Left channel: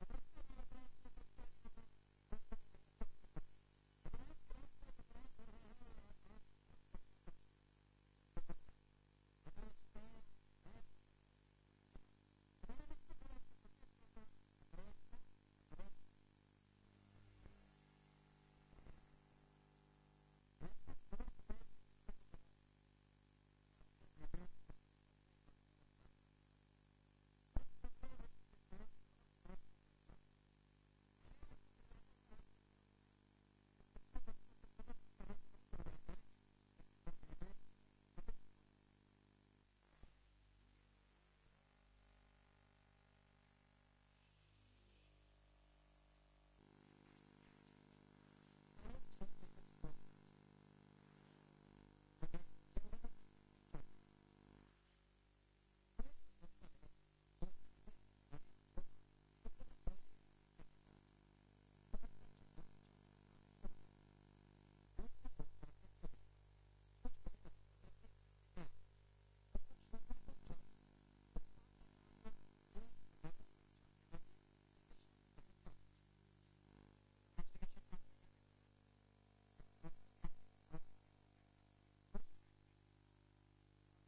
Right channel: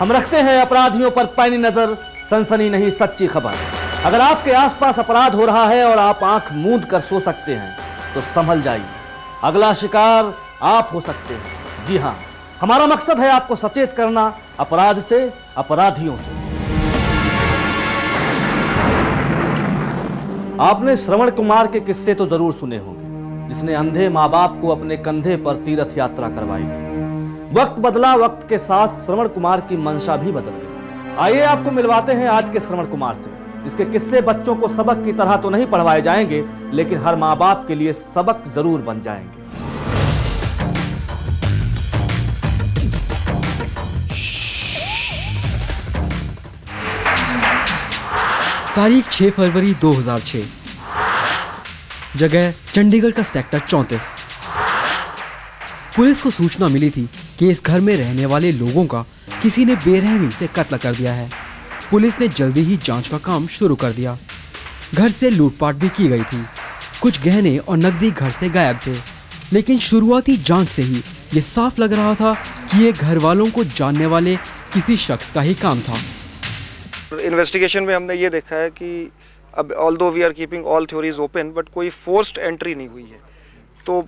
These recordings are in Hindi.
हम रखते हैं अपराधियों पर पैनी नजर, सनसनी नहीं सच्ची खबर। अगर आपके आसपास अपराध हो रहा है और आप आंख मूंद कर सो सकते हैं तो संभल जाइए, अगला शिकार आप हो सकते हैं। जी हां, हमारा मकसद है आपको सचेत करना अपराध से, अपराधियों से। आपने श्रवण कुमार के किस्से तो जरूर सुने होंगे, जिसने अंधे माँ बाप को अपने कंधे पर तीर्थ यात्रा करवाई थी। वक्त बदला, वक्त के साथ श्रवण कुमार की मंशा भी बदल गई। आइए आपको मिलवाते हैं आज के श्रवण कुमार से, जिसके किस्से बच्चों को सबक की तरह तो नहीं पढ़वाए जाएंगे, लेकिन हर माँ बाप के लिए सबक जरूर बन जाएंगे। तारीख 6 फरवरी 2006, जगह चंडीगढ़ का सेक्टर 34। पुलिस को सूचना मिली थी कि इस घर में रहने वाले लोगों का किसी ने बेरहमी से कत्ल कर दिया है। पुलिस ने जल्दी ही जांच का काम शुरू कर दिया। घर से लूटपाट भी की गई थी। कुछ गहने और नकदी घर से गायब थे, लेकिन शुरुआती जांच से ही ये साफ लग रहा था कि ये घर वालों को जानने वाले किसी शख्स का ही काम था। इन्वेस्टिगेशन में हमने ये देखा है कि अब although we are keeping all theories open, but कोई फोर्स्ड एंट्री नहीं हुई है, तो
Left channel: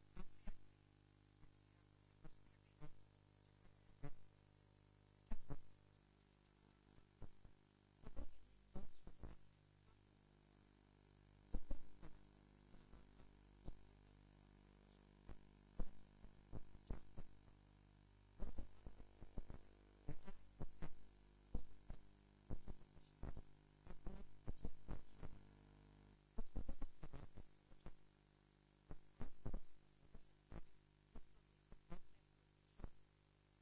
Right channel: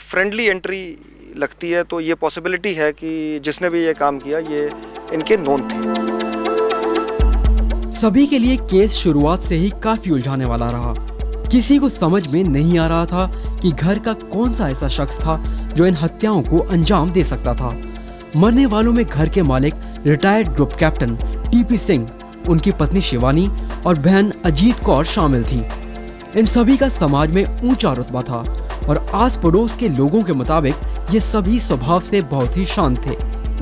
फ्रेंडली एंट्री लगती है। तो ये पॉसिबिलिटी है कि जिसने भी ये काम किया ये इनके नोन थे। सभी के लिए केस शुरुआत से ही काफी उलझाने वाला रहा। किसी को समझ में नहीं आ रहा था कि घर का कौन सा ऐसा शख्स था जो इन हत्याओं को अंजाम दे सकता था। मरने वालों में घर के मालिक retired group captain TP Singh, उनकी पत्नी शिवानी और बहन अजीत कौर शामिल थी। इन सभी का समाज में ऊंचा रुतबा था और आस पड़ोस के लोगों के मुताबिक ये सभी स्वभाव से बहुत ही शांत थे।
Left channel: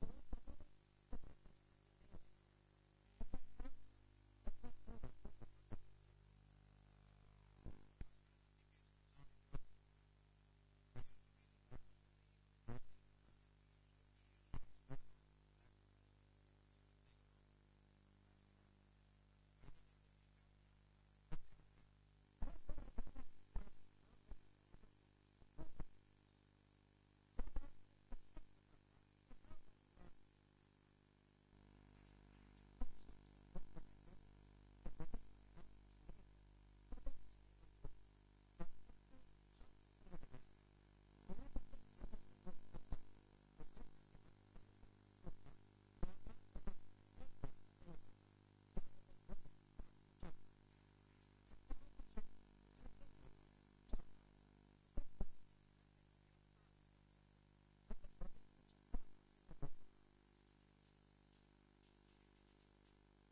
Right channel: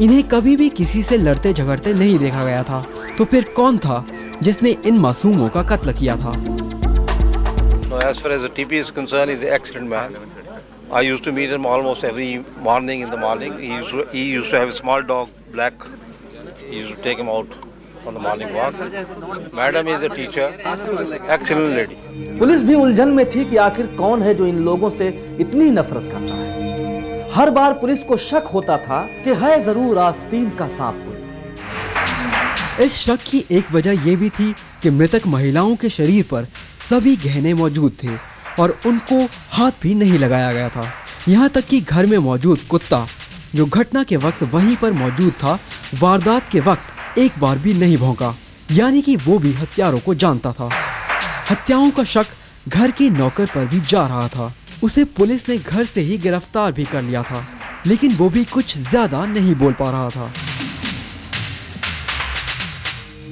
इन्हें कभी भी किसी से लड़ते झगड़ते नहीं देखा गया था। तो फिर कौन था जिसने इन मासूमों का कत्ल किया था? As far as the TP is concerned, he's an excellent man. I used to meet him almost every morning in the morning. He used to have a small dog, Black. He used to take him out on the morning walk. Madam is a teacher, excellent lady. Police भी उलझन में थी कि आखिर कौन है जो इन लोगों से इतनी नफरत करता है। हर बार पुलिस को शक होता था कि है जरूर आस्तीन का सांप कोई। इस शक की एक वजह यह भी थी कि मृतक महिलाओं के शरीर पर सभी गहने मौजूद थे और उनको हाथ भी नहीं लगाया गया था। यहाँ तक कि घर में मौजूद कुत्ता, जो घटना के वक्त वहीं पर मौजूद था, वारदात के वक्त एक बार भी नहीं भौंका, यानी कि वो भी हत्यारों को जानता था। हत्याओं का शक घर के नौकर पर भी जा रहा था। उसे पुलिस ने घर से ही गिरफ्तार भी कर लिया था, लेकिन वो भी कुछ ज्यादा नहीं बोल पा रहा था।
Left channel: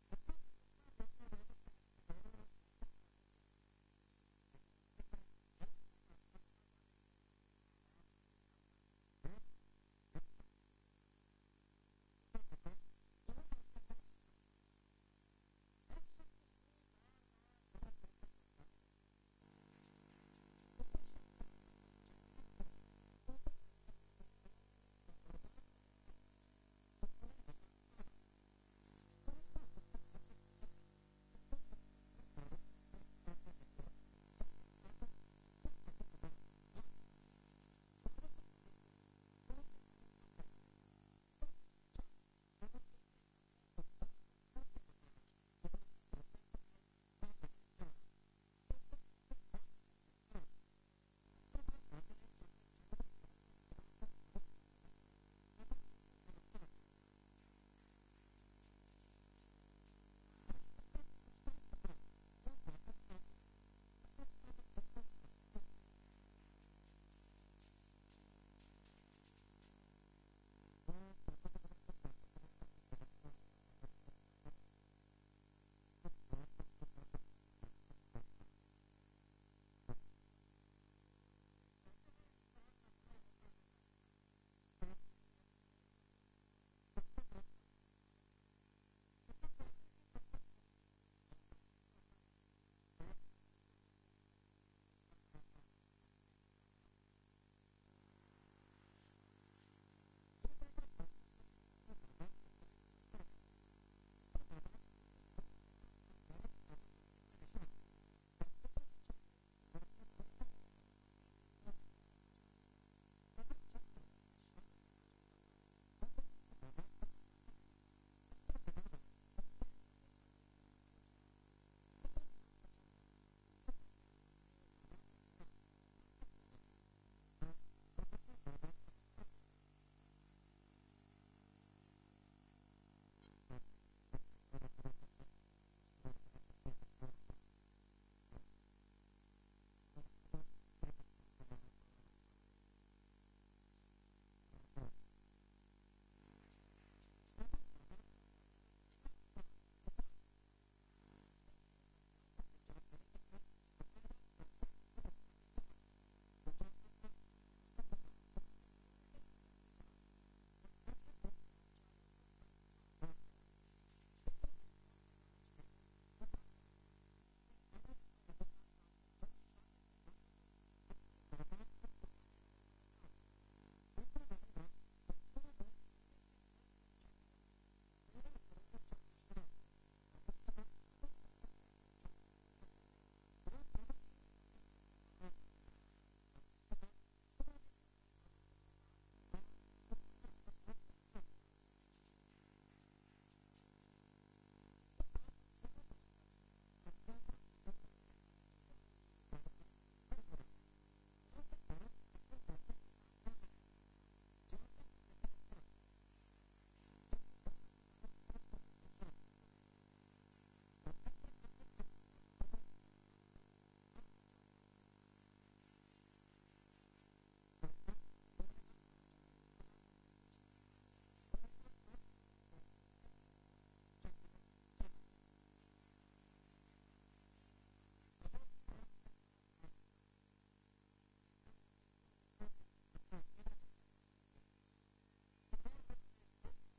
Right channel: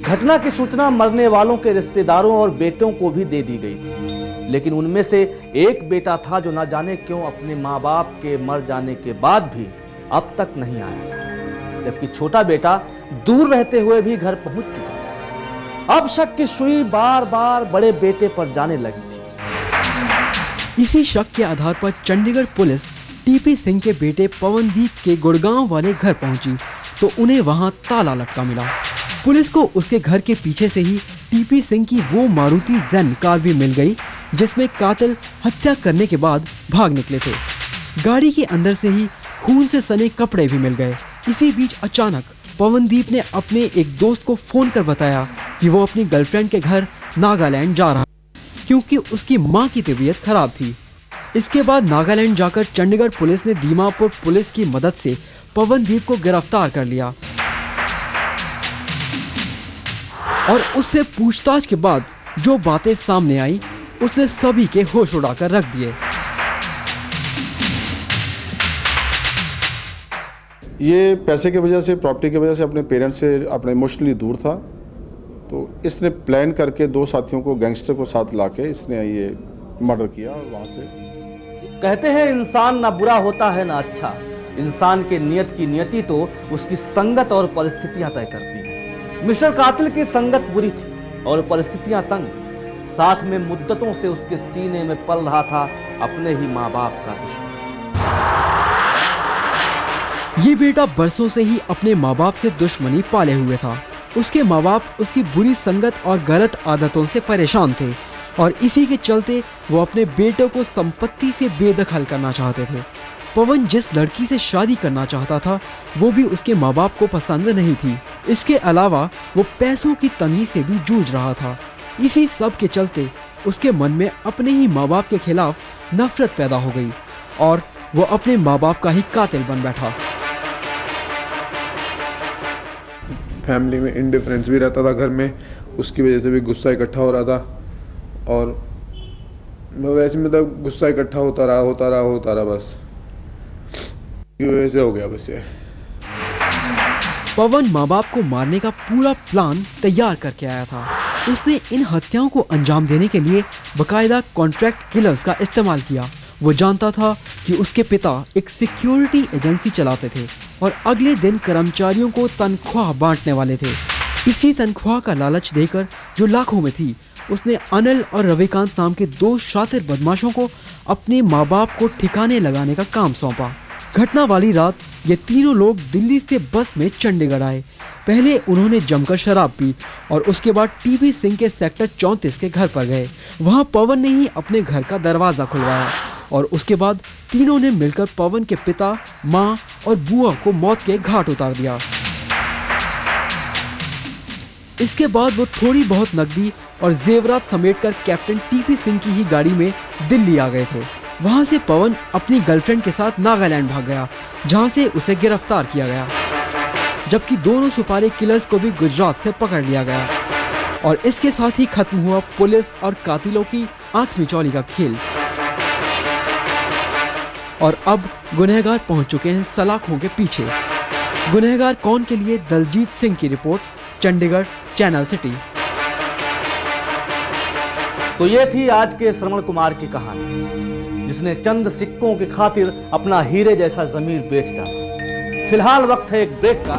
घटना की सूचना मरने वालों के रिश्तेदारों और बेटों को भी दे दी गई थी, लेकिन उनमें से एक बेटा था जो न जाने क्यों अपने माँ बाप के मर जाने के बाद भी अब तक नहीं आया था, जबकि छोटा बेटा दूर रहते हुए भी घर पहुंच चुका था। अब शक की सुई बार बार बड़े बेटे पर जाने लगी थी। इसी शक के आधार पर चंडीगढ़ पुलिस टीपी सिंह के बेटे पवनदीप के गुड़गांव वाले घर पहुंची तो उन्हें वहां ताला लटका मिला। पुलिस को उसके घर के पीछे से ही टीपी सिंह की वो मारुति जैन कार भी मिल गई जिसमें कातिल हत्या करने के बाद भाग निकले थे। गाड़ी के अंदर से ही खून से सने कपड़े भी मिल गए। इसी बीच अचानक पवनदीप ने अपने एक दोस्त को फोन कर बताया कि वो अपनी गर्लफ्रेंड के घर नागालैंड जा रहा है क्योंकि उसकी मां की तबीयत खराब थी। इसके बाद नागालैंड जाकर चंडीगढ़ पुलिस ने दीमापुर पुलिस की मदद से पवनदीप को गिरफ्तार कर लिया और उससे पूछताछ के बाद जो बातें सामने आई उसने सभी के होश उड़ाकर रख दिए। ये पैसे की वजह से, प्रॉपर्टी की वजह से अपने पेरेंट्स से अपने इमोशनली दूर था, तो इसने प्लान करके दो साथियों को, गैंगस्टर को साथ लाके इसने ये मर्डर किया। और वहाँ से कहते हैं इंसान ना बुरा होता है ना अच्छा, इंसान के नियत की नियति तो उसकी संगत और परिस्थितियां तय करती हैं। मिस्टर कातिल की संगत बुरी थी और परिस्थितियां तंग, साथ में मुद्दतों से उसके सीने में पल रहा था अपने ही माँ बाप का दुश्मन। ये बेटा बरसों से ही अपने माँ बाप से दुश्मनी पाले हुए था। उसके माँ बाप उसकी बुरी संगत और गलत आदतों से परेशान थे और इसी के चलते वो अपने बेटे को संपत्ति से बेदखल करना चाहते थे। पवन जिस लड़की से शादी करना चाहता था वो भी उसके माँ बाप को पसंद नहीं थी। इसके अलावा वो पैसों की तंगी से भी जूझ रहा था। इसी सब के चलते उसके मन में अपने ही माँ बाप के खिलाफ नफरत पैदा हो गई और वो अपने माँ बाप का ही कातिल बन बैठा। फैमिली में इंडिफरेंस भी रहता था घर में, उसकी वजह से भी गुस्सा इकट्ठा हो रहा था और वैसे मतलब गुस्सा इकट्ठा होता रहा बस वैसे हो गया बस ये। पवन माँ बाप को मारने का पूरा प्लान तैयार करके आया था। उसने इन हत्याओं को अंजाम देने के लिए बकायदा कॉन्ट्रैक्ट किलर्स का इस्तेमाल किया। वो जानता था कि उसके पिता एक सिक्योरिटी एजेंसी चलाते थे और अगले दिन कर्मचारियों को तनख्वाह बांटने वाले थे। इसी तनख्वाह का लालच देकर, जो लाखों में थी, उसने अनिल और रविकांत नाम के दो शातिर बदमाशों को अपने माँ बाप को ठिकाने लगाने का काम सौंपा। घटना वाली रात ये तीनों लोग दिल्ली से बस में चंडीगढ़ आए। पहले उन्होंने जमकर शराब पी और उसके बाद टीपी सिंह के सेक्टर 34 के घर पर गए। वहां पवन ने ही अपने घर का दरवाजा खुलवाया और उसके बाद तीनों ने मिलकर पवन के पिता, माँ और बुआ को मौत के घाट उतार दिया। इसके बाद वो थोड़ी बहुत नकदी और जेवरात समेटकर कैप्टन टीपी सिंह की ही गाड़ी में दिल्ली आ गए थे। वहां से पवन अपनी गर्लफ्रेंड के साथ नागालैंड भाग गया, जहां से उसे गिरफ्तार किया गया, जबकि दोनों सुपारी किलर्स को भी गुजरात से पकड़ लिया गया। और इसके साथ ही खत्म हुआ पुलिस और कातिलों की आंख मिचौली का खेल। और अब गुनहगार पहुंच चुके हैं सलाखों के पीछे। गुनहगार कौन के लिए दलजीत सिंह की रिपोर्ट, चंडीगढ़, चैनल सिटी। तो ये थी आज के श्रवण कुमार की कहानी, जिसने चंद सिक्कों की खातिर अपना हीरे जैसा जमीर बेच डाला। फिलहाल वक्त है एक ब्रेक का।